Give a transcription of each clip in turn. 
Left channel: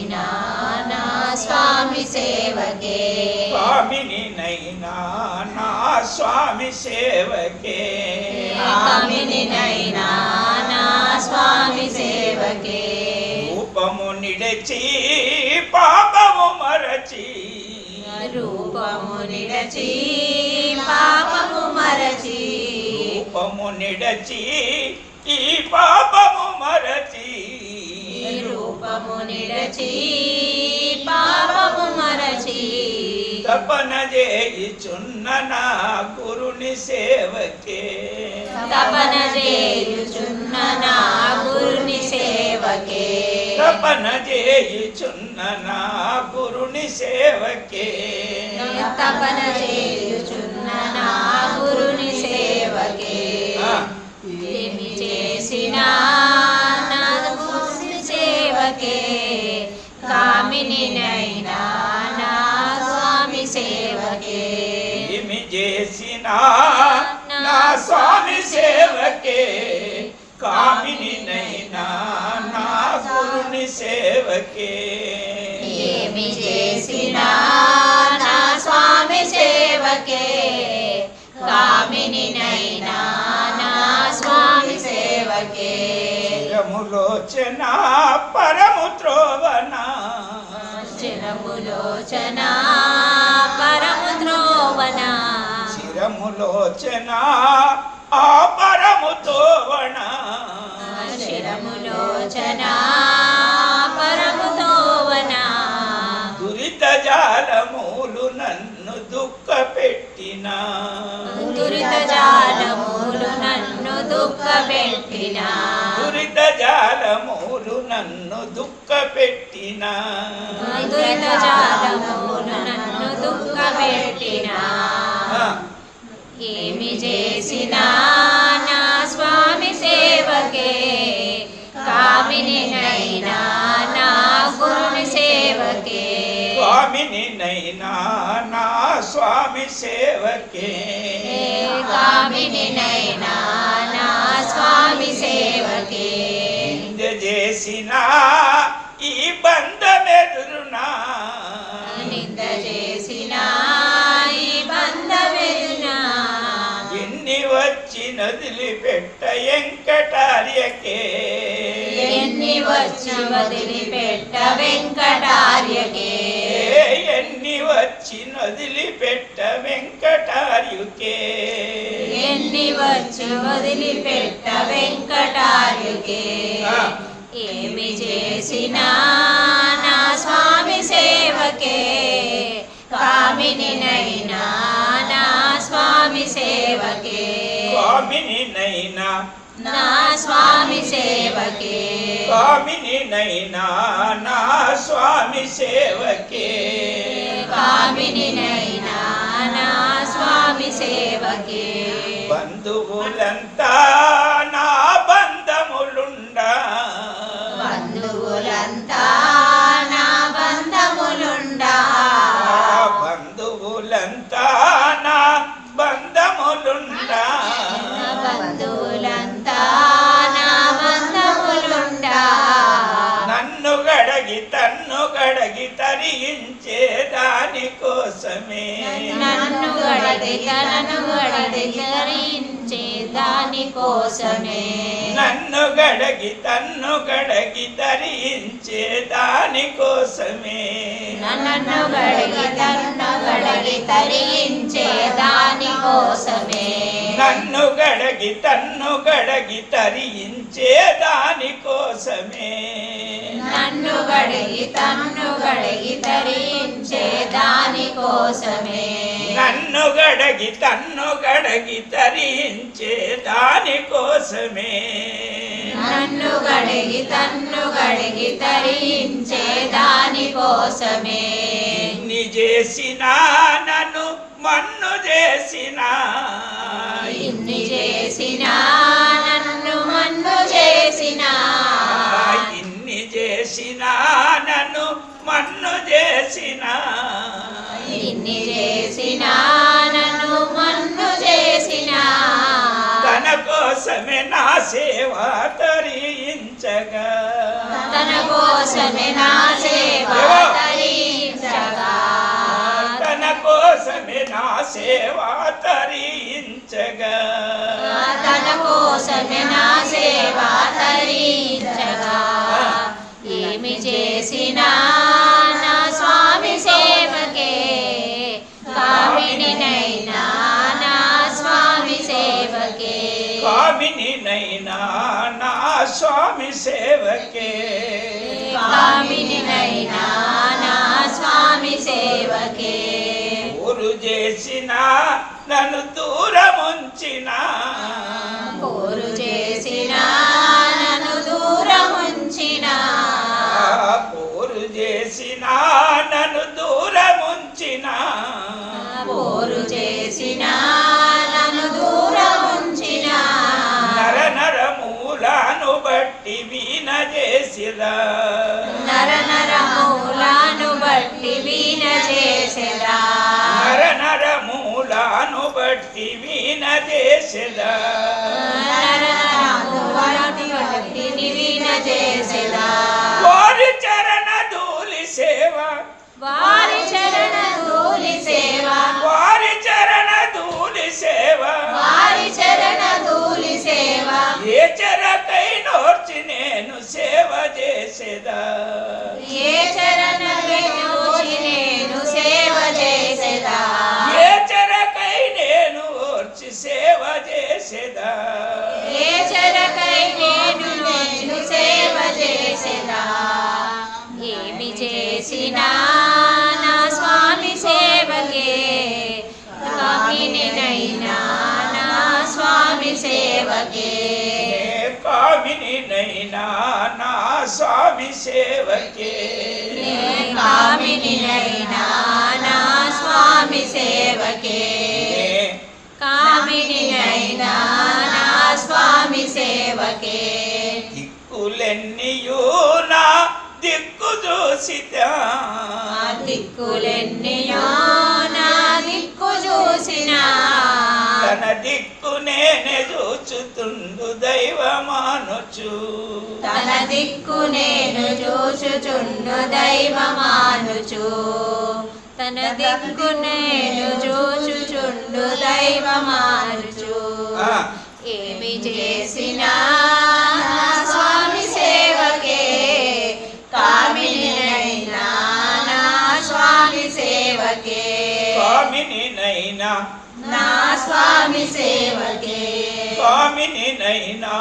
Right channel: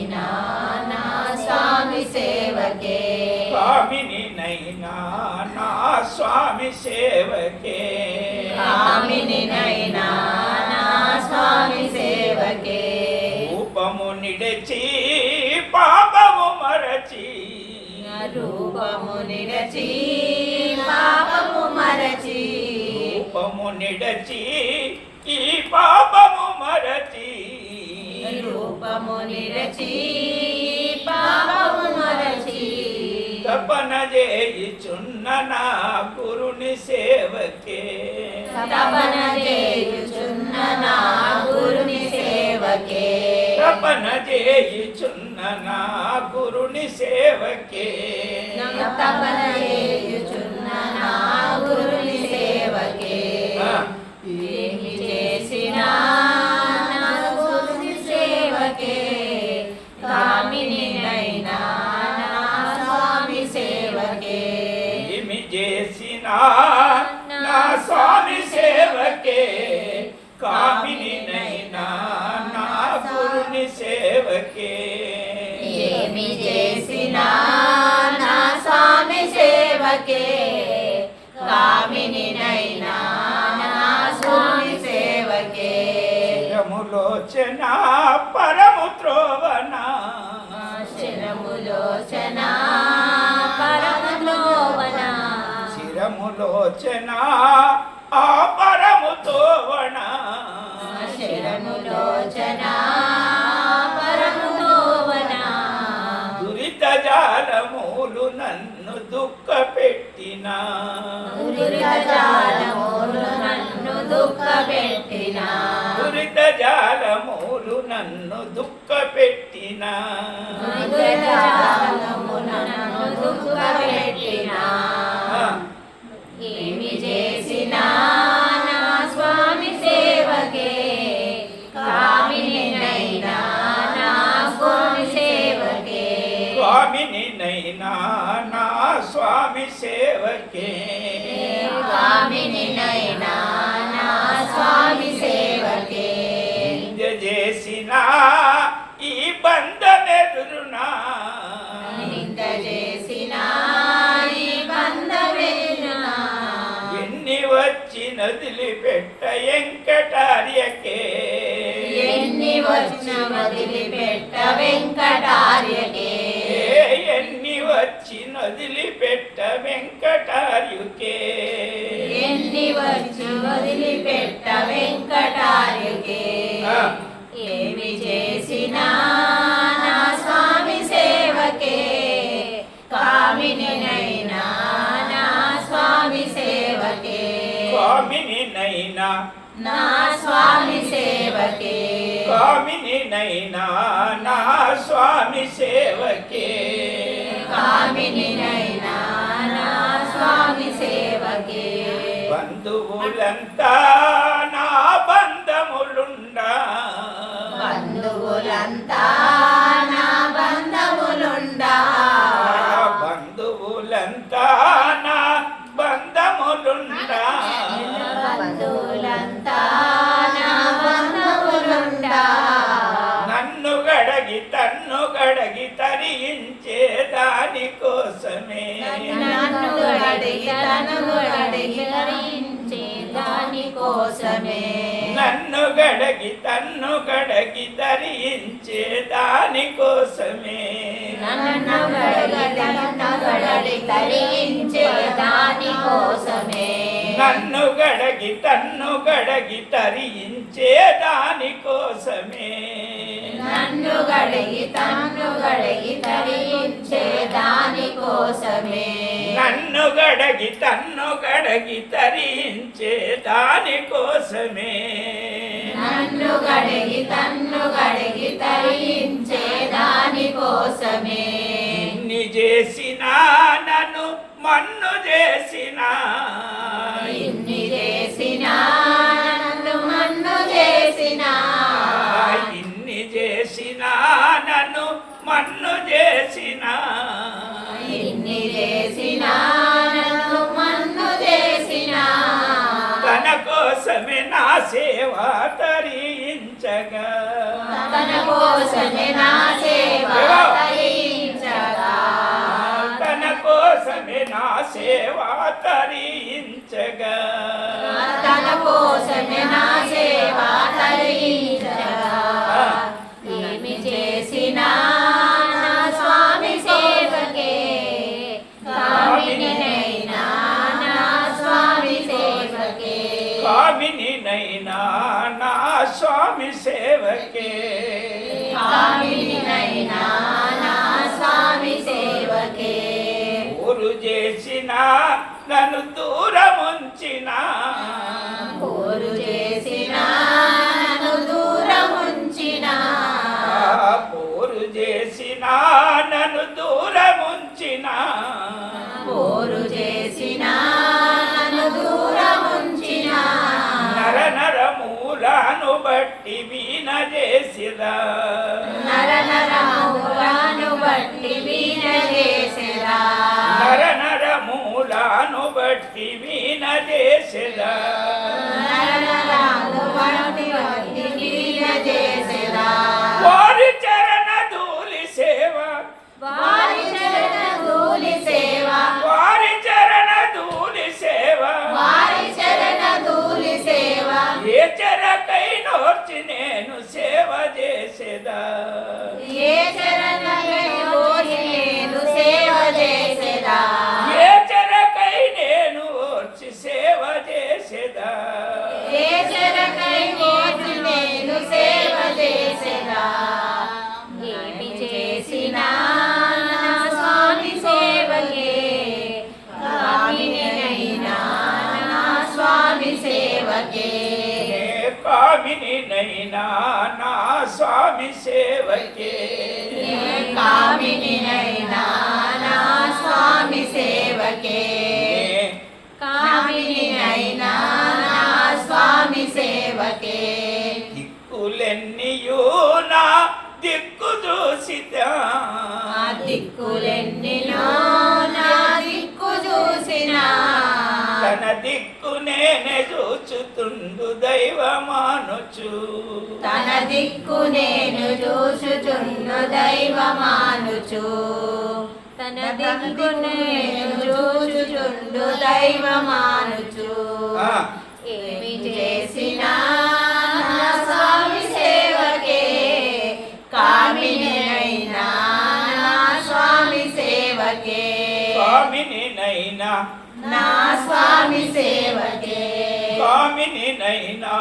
నైనా నా స్వామి సేవకే. స్వామిని నైనా నా స్వామి సేవకే. కామిని నైనా నా స్వామి సేవకే. రూపము నిడచి పాపము మరచి. రూపము నిరచి పాపము మరచి. రూపము నిడచి ఈ పాపము రూపము నిరచి పాపము మరచి తపన చేయుచున్న నా గురుని సేవకే తపన చేయుచున్న నా గురుని సేవకే తపన చేయుచున్న నా గురుని సేవకే తపన చేయుచున్న నా గురుని సేవకే. ఏమి చేసినా నా స్వామి సేవకే. కామిని నైనా నా స్వామి సేవకే. చిరములోచన పరము త్రోవనా చిరములోచన పరము ద్రోవన చిరములోచన ఆ పరము తోవణ చిరములోచన పెట్టిన దురిత జాలములు నన్ను దుఃఖ పెట్టిన దురిత జాలమూలు నన్ను దుఃఖ పెట్టిన దురిత జాలములు నన్ను దుఃఖ పెట్టిన ఏమి చేసినా నా స్వామి సేవకే కామిని నైనా నా స్వామి సేవకే స్వామిని నైనా నా స్వామి సేవకే. నైనా స్వామి సేవకే. చేసిన ఈ బంధమెదురునా. నింద చేసిన ఈ బంధమెరినా ఎన్ని వచ్చి నదిలి పెట్ట వెంకటార్యకే. ఎన్ని వచ్చి వదిలిపెట్ట వెంకటార్యకే. ఎన్ని వచ్చి నదిలి వదిలిపెట్ట వెంకటార్యకే. ఏమి చేసినా నా స్వామి సేవకే. కామిని నైనా నా స్వామి సేవకే. కామిని నైనా నా స్వామి సేవకే. కామిని నైనా నా స్వామి సేవకే. కామిని బంధువులంతా నా బంధములుండా. బంధువులంతా నా బంధములుండా. బంధువులంతా నా బంధములుండా. బంధువులంతా నా బంధములుండా. నన్ను గడగి తన్ను గడగి తరించే దాని కోసమే నన్ను గడగి తను గడగి తరించే దాని కోసమే నన్ను గడగి తన్ను గడగి తరించే దాని కోసమే నన్ను గడగి తను గడగి తరించే దాని కోసమే నన్ను గడగి తన్ను గడగి తరించే దాని కోసమే. నన్ను గడిగి తన్ను గడిగి తరించే దాని కోసమే. నన్ను గడగి తన్ను గడగి తరించే దాని కోసమే. నన్ను గడిగి తన్ను గడిగి తరించే దాని కోసమే. ఇన్ని చేసినా నన్ను మన్ను చేసినా. ఇన్ని చేసినా నన్ను మన్ను చేసినా. ఇన్ని చేసినా నన్ను మన్ను చేసినా. ఇన్ని చేసినా నన్ను మన్ను చేసినా. తన కోసమే నా సేవ తరించగా. తన కోసమే నా సేవ సేవ తరించగా తన కోసమే నా సేవ తరించగా. ఏమి చేసినా నా స్వామి సేవకే కామినినైనా నా స్వామి సేవకే. కామిని నైనా నా స్వామి సేవకే. కామినినైనా నా స్వామి సేవకే. ఊరు చేసిన నన్ను దూరముంచిన. కోరు చేసిన నన్ను దూరముంచిన. పోరు చేసిన నన్ను దూరముంచిన. కోరు చేసిన నన్ను దూరముంచిన. నర నర మూలాను బట్టి వీణ చేసిరా. నర నర మూలాను బట్టి వీణ నర నర మూలాను బట్టి వీణ చేసెరా వారి చరణ ధూళి సేవ. వారి చరణ ధూళి సేవ. వారి చరణ ధూళి సేవ. వారి చరణ ధూళి సేవ. ఏ చరకై నోర్చి నేను సేవ చేసేదా. ఏ చరణ సేవకే కామిని నైనా నా స్వామి సేవకే. నే కామినినైనా నా స్వామి సేవకే. కామినినైనా నా స్వామి సేవకే. దిక్కులెన్నియూ నా దిక్కు ఆ దిక్కులెన్నియో తన దిక్కు నేనే చూచుతుండు దైవమానుచు. తన దిక్కు నేను చూచుచుండు దైవమానుచు. తన దిక్కు నేను చూచుచుండు దైవమానుచు. నైనా. నా స్వామి సేవకే. కామిని నైనా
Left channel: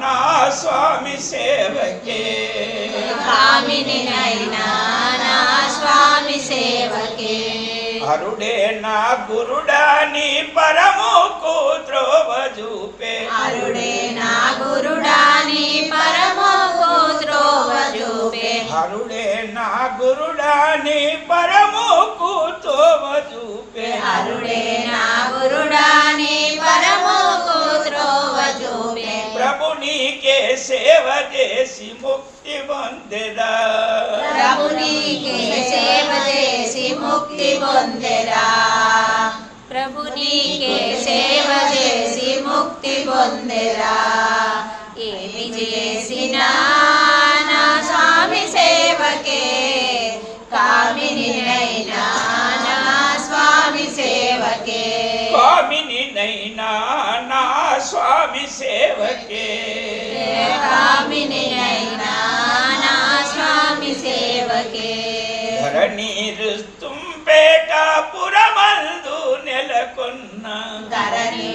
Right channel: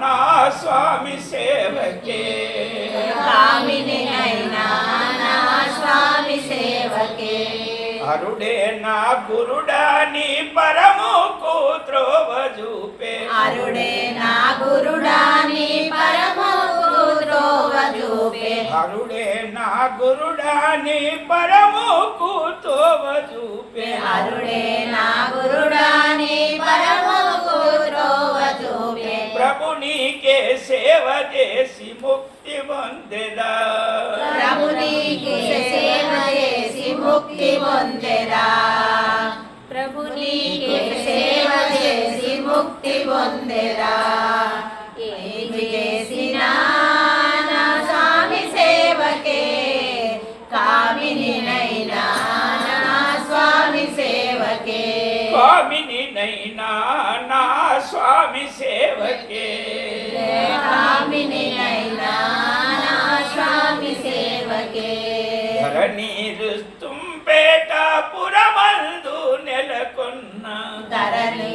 నా స్వామి సేవకే. కామినైనా నా స్వామి సేవకే. అరుడే నా గురుడా నీ పరము కూత్రోవ చూపే అరుడే నా గురుడాని చూపే అరుడే నా గురుడా నీ పరము కూతోవ చూపే అరుడే నా గురుడాని పరమో ద్రోవ చూపే ప్రభు నీకే సేవ చేసి ముక్తి పొందెదా. ప్రభునికి సేవ చేసి ముక్తి పొందెరా ప్రభునికి సేవ చేసి ముక్తి పొందెరా కామినినైనా నా స్వామి సేవకే కామిని నైనా నా స్వామి సేవకే కామినినైనా నా స్వామి సేవకే ధరణి రుస్తుంపేట పురమందు నెలకొన్న ధరణి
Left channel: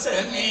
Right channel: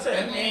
కోసమే